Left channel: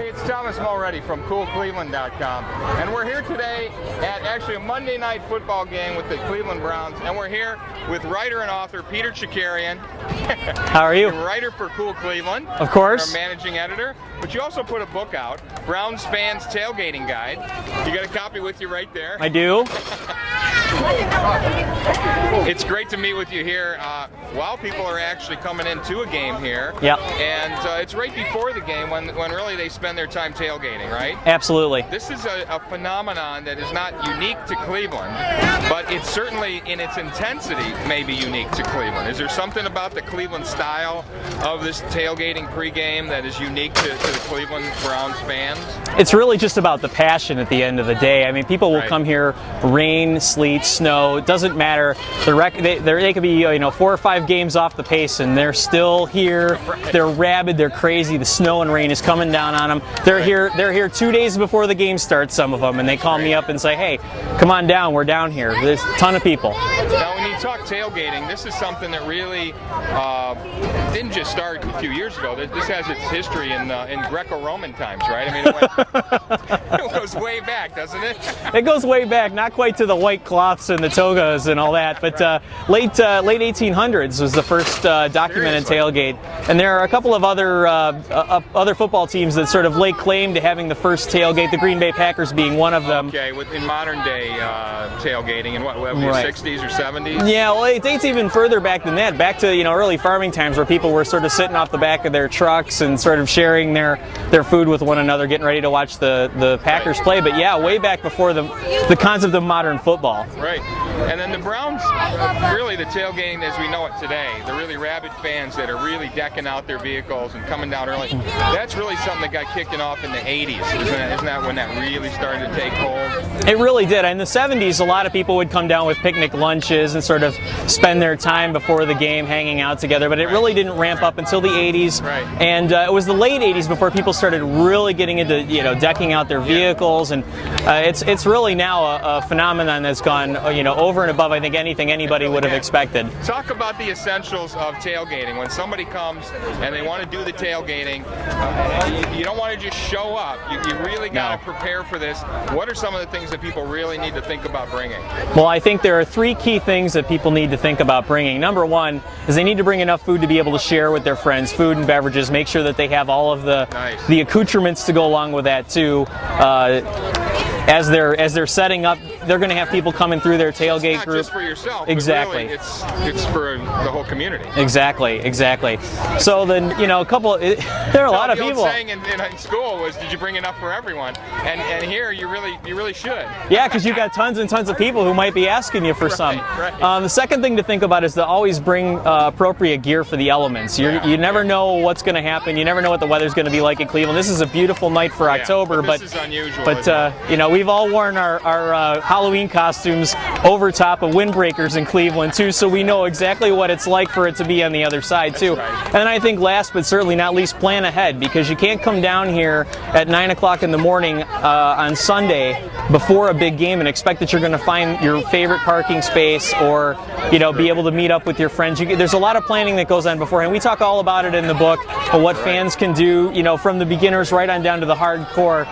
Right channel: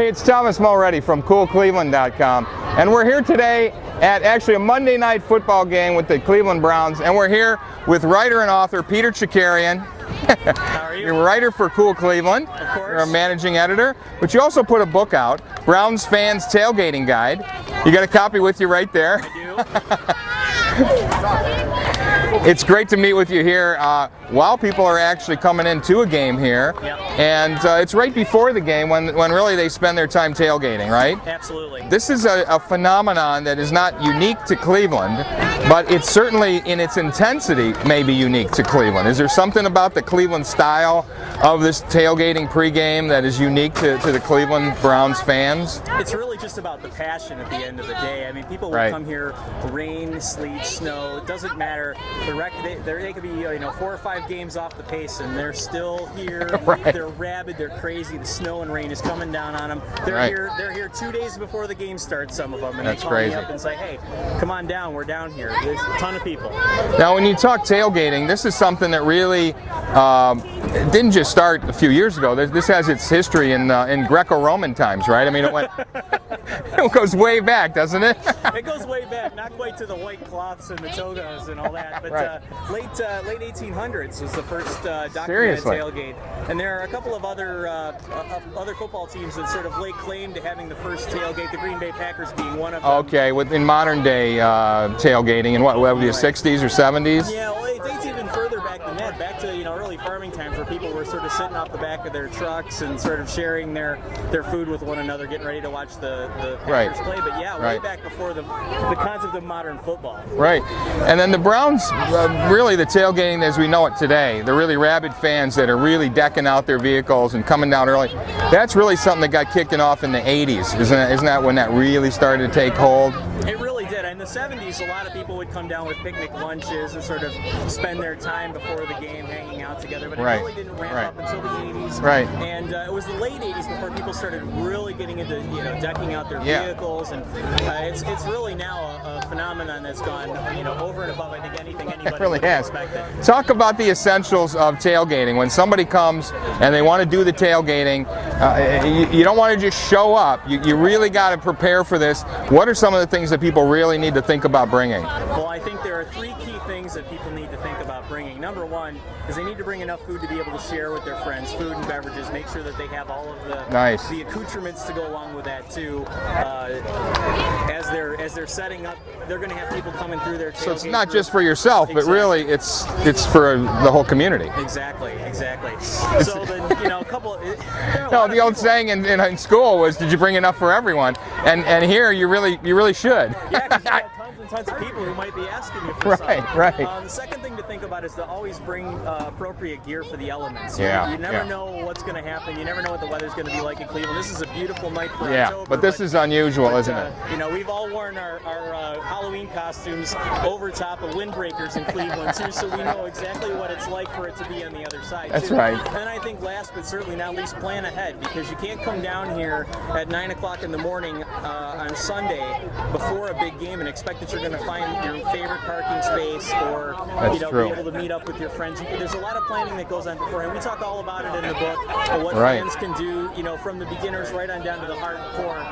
Hey, it's Thomas Mulready from CoolCleveland.com, and we're here today at actually a Monday night football game with the Cleveland Browns, and we're here with writer and author Peter Chakarian. How are you? You're a writer for Cool Cleveland. Of course. You're a managing editor, but you also put a book out, Browns Fans Tailgating Guide. You got a copy with you right there. I do. It's great to meet with you here while people are actually coming into a game here. Yeah. And it's right before the game when really they spend their time tailgating, right? Absolutely. This is a phenomenon that is not unique to Cleveland, but it's certainly in its intensity maybe unique to Cleveland. Is there something about the Cleveland style of this tailgating pregame that is unique to the Cleveland Browns fans? It's really just about the passion at the end of the day. I mean, people will Right. come here, rain, sleet, snow, it doesn't matter. They could be 4 or 5 games off the pace and they're still here. Right. They're rabid, they're crazy. The snow and rain is coming down on them. They're Right. here 2 days before the game starts, some of them, and they That's call me crazy. up and say, "Hey, come on down, we're down here." There's a ton of people. Now, when you talk tailgating, this is something that really didn't just start a few years ago. This has its history in Greco-Roman times, right? I mean, it goes way back, doesn't it? It goes way back, not quite to the white cloths and the togas and all that, but late 1800s was the first documented Seriously? tailgate. And there are a couple of other football teams that sort of lay claim to having the first tailgate, the Green Bay Packers being one of them. Okay, in modern day tailgating in what would be the Right. 60s or 70s? Yeah, well, it dates even further back than that, back to early farming times where people were sort of sitting off the back of their trucks and sort of sharing their food with one another, getting ready to watch the Packers Right. play. But yeah, way Right. back before the concept of modern football. Right. And then the Browns, really the tailgating as we know it today, the really rabid fans that are really decking out their vehicles and coming down early, that's really something that got kicking off in the 80s. Isn't that when that really started to take hold? It really did. In the 70s, a lot of people would come down with picnic lunches and sort of spend their time before the game hanging out together, but it Right. really didn't ramp up until the 80s. Right. And it was the late 80s before people started really getting into, decking out their vehicles, and it's really now a phenomenon that's gone, over and above, I think, anything anybody really would have has. expected. Talk about the essentials of tailgating. When somebody comes and they want to do the tailgating, you don't want to just show up. You really got to prepare for this. What are some of the things that people really need to think about bringing? Well, I think there are 3 key things that people need to think about bringing. Number 1 is they need to bring enough food to be able to share with their friends, food and beverages. Make sure that they have all of Nice. the accoutrements to go along with that too. As they're setting up, they're going to have people coming through their tailgate So it's not group. just for yourself, Exactly. but really it's for the whole community. Exactly. So then, a couple. There are a lot The of old people. saying in school was, "Did you bring enough for everyone?" And here you really should. Yeah, because you've got tons and tons of people who might be asking you for some. Right. The second thing to think about is to always bring appropriate gear for the elements. You never know what's going to happen. You never know what the weather's going to be like in Cleveland. This is a beautiful night for Yeah, October, but this is unusual. But isn't it? we've all worn our Halloween costumes over top of windbreakers in Cleveland too, so we know exactly what it's like for it to be on the other side too. That's right. And I think last but certainly not least, plan ahead, because you can't come down here at 9 o'clock in the morning on Sunday before a big game and expect that you're going to find your favorite parking space or true. be able to meet up with your friends. There's a lot of planning that goes on beforehand. We talk all about it in the book, what Right. fans can do, from the beginners right on down to the hardcore,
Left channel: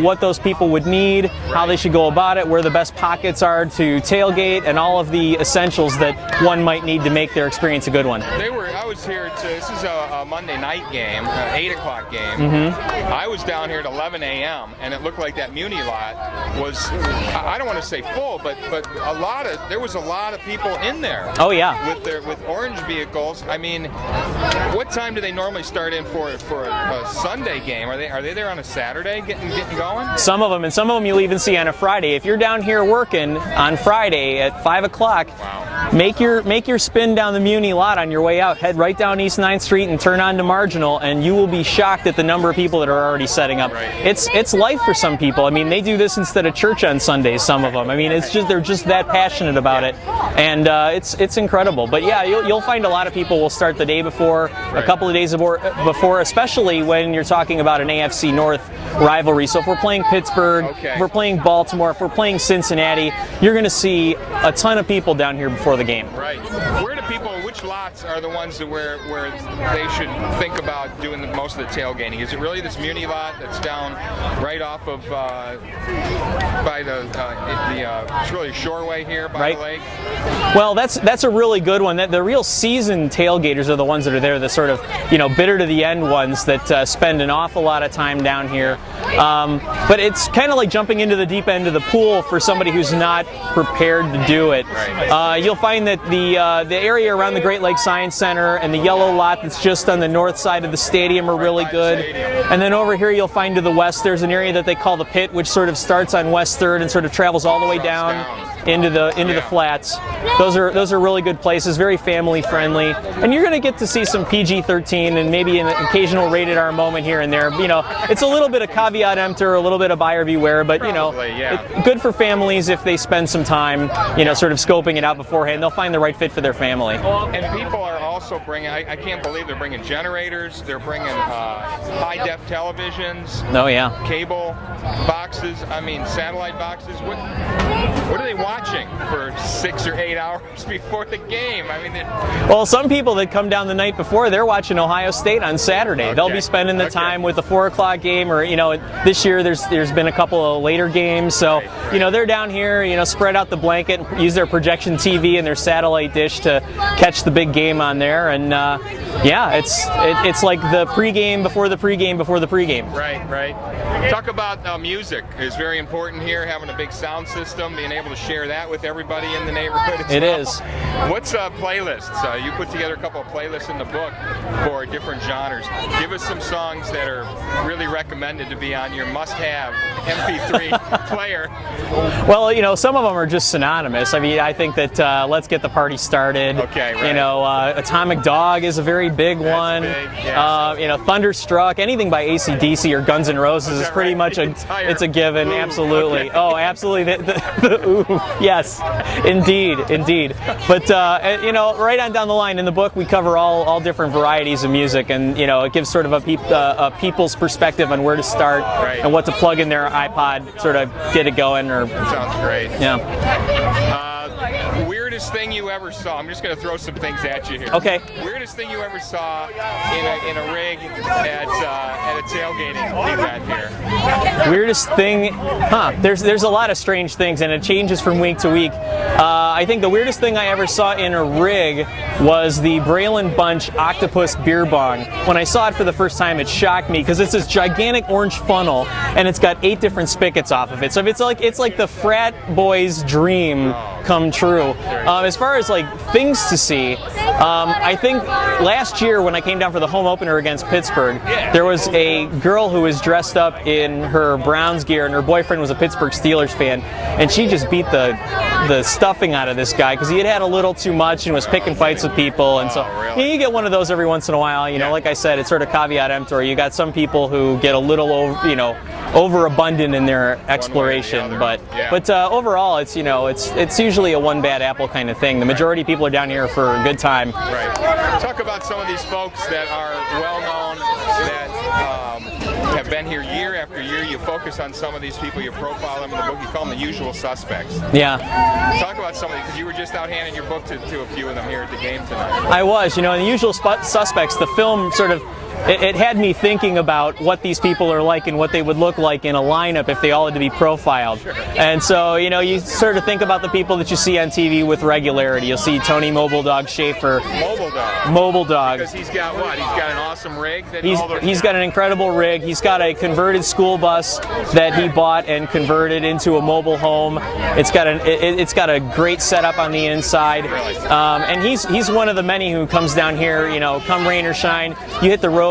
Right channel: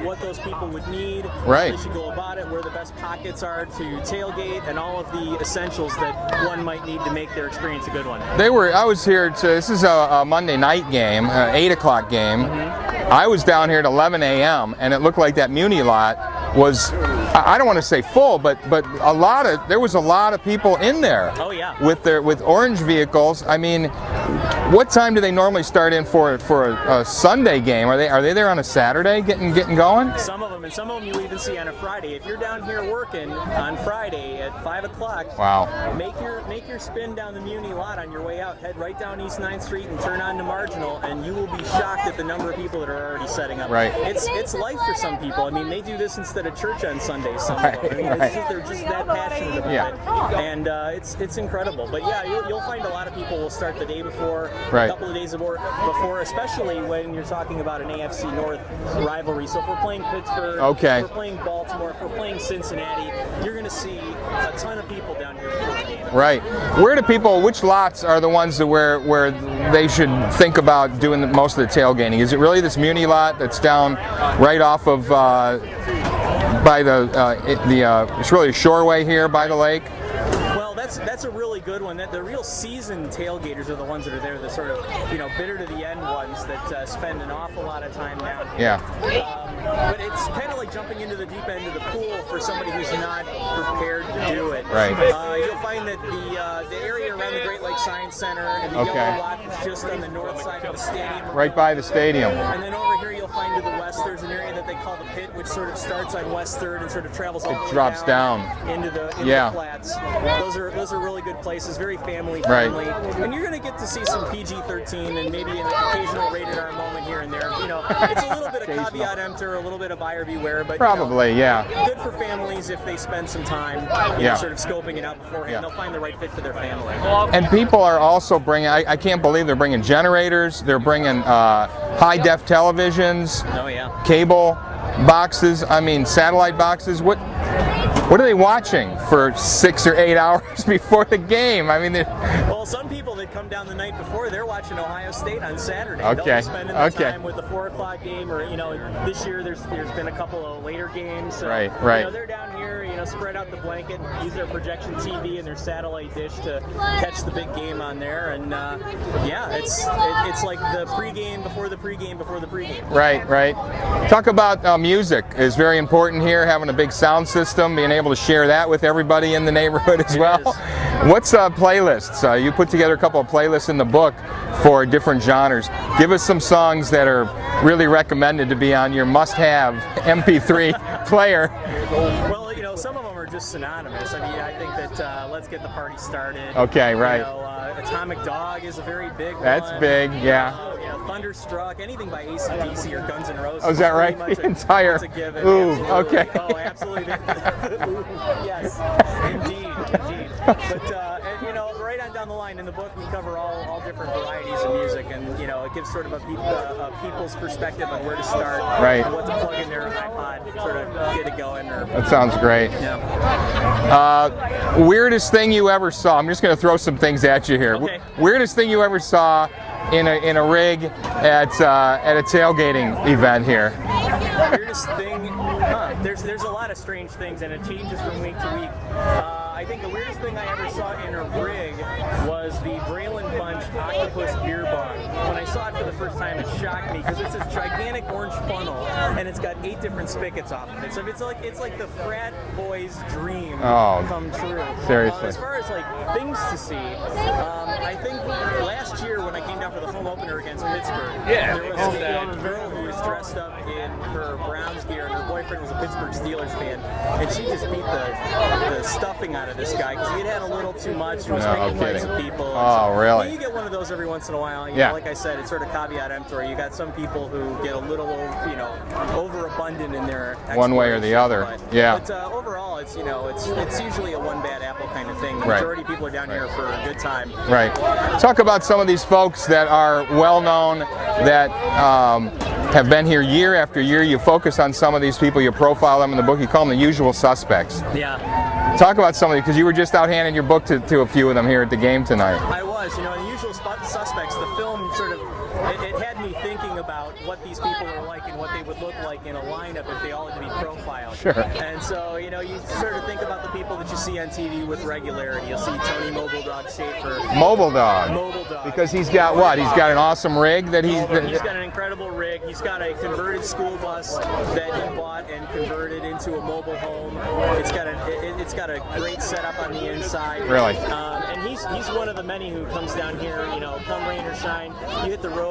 what those people would need, how Right. they should go about it, where the best pockets are to tailgate, and all of the essentials that one might need to make their experience a good one. I was here this is a Monday night game, 8 o'clock game. Mm-hmm. I was down here at 11 a.m. and it looked like that Muni lot was, I don't want to say full, but there was a lot of people in there. Oh yeah. With orange vehicles. I mean, what time do they normally start in for a Sunday game? Are they there on a Saturday getting going? Some of them you'll even see on a Friday. If you're down here working on Friday at 5 o'clock, Wow. make your spin down the Muni lot on your way out. Head right down East 9th Street and turn on to Marginal, and you will be shocked at the number of people that are already setting up. Right. It's life for some people. I mean, they do this instead of church on Sundays, some of them. I mean, they're just that passionate about it, and it's incredible. But yeah, you'll find a lot of people will start the day before, Right. a couple of days before, especially when you're talking about an AFC North rivalry. So if we're playing Pittsburgh, Okay. if we're playing Baltimore, if we're playing Cincy, Cincinnati, you're going to see a ton of people down here before the game. Right. Where do people? Which lots are the ones that where they should think about doing most of the tailgating? Is it really this Muni lot that's down right off of by it's really a shoreway here by the lake? Well, that's a really good one. The real seasoned tailgaters are the ones that are there, the sort of, bitter to the end ones that spend an awful lot of time down here. Yeah. But it's kind of like jumping into the deep end of the pool for somebody who's not prepared to do it. Right. You'll find that the area around the Great Lakes Science Center and the yellow lot that's just on the north side of the stadium are really good. The stadium. And then over here you'll find to the west there's an area that they call the Pit, which sort of starts on West 3rd and sort of travels all the way down into the flats. Those are really good places, very family friendly, and you're going to get to see some PG-13 and maybe an occasional rated R moment here and there. It's a little bit of caveat emptor, a little bit of buyer beware, but good for families if they spend some time, sort of scoping it out beforehand. They'll find the right fit for their family. And people are also bringing. I can't believe they're bringing generators. They're bringing high def televisions. Oh yeah. Cable boxes. I mean, satellite boxes. What are they watching for 6 or 8 hours before the game? I mean, well, some people that come down the night before, they're watching Ohio State on Saturday. They'll be spending the time with the 4 o'clock game, or this year there's been a couple of later games, so they're down here, spread out the blanket, and use their projection TV and their satellite dish to catch the big game on there, and it's like the pregame before the pregame before the pregame. Right. Talk about music is very important here. Having a big sound system, being able to share that with everybody in the neighborhood as well. It is. What's playlists? You put together a couple of playlists in the book for different genres. Give us some songs that are really recommended to be on your must-have MP3 player. Well, some of them are just synonymous. I mean, I think that Let's Get the Party Started. Okay, right. Atomic Dog is a very big one. That's big, yeah. Thunderstruck, anything by AC/DC or Guns N' Roses is pretty much it's a given. Ooh, absolutely. okay. Oh, absolutely. The ooh, yes, indeed. But right on down the line in the book, we cover all different varieties of music, and it gives sort of a people's perspective on where to start and what to plug in their iPod, sort of get it going. That sounds great. Yeah. Weirdest thing you ever saw? I'm just going to throw some things at you here. Okay. Weirdest thing you ever saw in a rig at a tailgating event here? Weirdest thing? There's a lot of strange things, and it changes from week to week. I think the weirdest thing I ever saw in a rig was the Braylon Bunch Octopus Beer Bong. When I saw it for the first time, it shocked me because it's this gigantic orange funnel, and it's got 8 different spigots off of it. So it's like the frat boy's dream come true. As far as like things to see, I think last year when I came down for the home opener against Pittsburgh, there was a girl who was dressed up in her Browns gear, and her boyfriend was a Pittsburgh Steelers fan, and she just beat the stuffing out of this guy because he had a little too much and was picking fights with people. And really? You get one of those every once in a while. Like I said, it's sort of caveat emptor. You got some people who get a little overabundant in their exploration. One way or the other. But overall, it's usually a one bad apple kind of thing. The majority of people are down here for a good time. Right. Talk about some of these folks that are well known, that have been here year after year. You focus on some of these people, you profile them in the book, you call them the usual suspects. Yeah. Talk about some of these, because you were just out handing your book to a few of them here at the game tonight. I was. In The Usual Suspects, the film sort of, it had me thinking about what these people are like and what they would look like in a lineup if they all had to be profiled. Sure. And so, you sort of think about the people that you see on TV with regularity. You'll see Tony Mobile Dog Schaefer. Mobile Dog. Because he's got what? He's got an awesome rig that he's got an incredible rig. He's got a converted school bus that he bought and converted into a mobile home. It's got a great setup on the inside. Really. And he's one of the many who comes down here, come rain or shine. You hit the road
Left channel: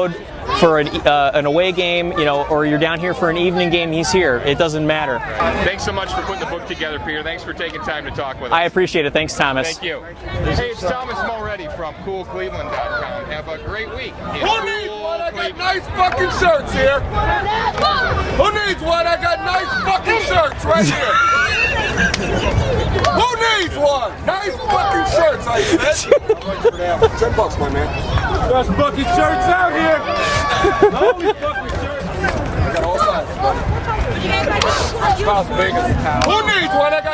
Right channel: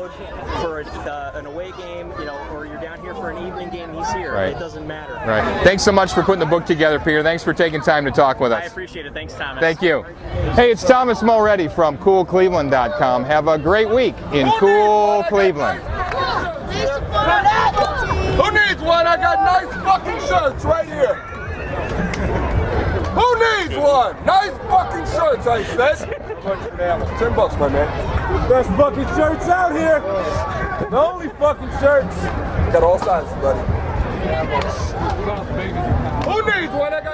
for an away game, or you're down here for an evening game, he's here. Right. It doesn't matter. Right. Thanks so much for putting the book together, Peter. Thanks for taking time to talk with us. I appreciate it. Thanks, Thomas. Thank you. Hey, it's Thomas Mulready from CoolCleveland.com. Have a great week in cool Cleveland. Nice fucking shirts here. Who needs one? I got nice fucking shirts right here. Who needs one? Nice fucking shirts, I said. $10, my man. Best fucking shirts out here. Those fucking shirts. I got all sizes, buddy. Las Vegas. Who needs one? I got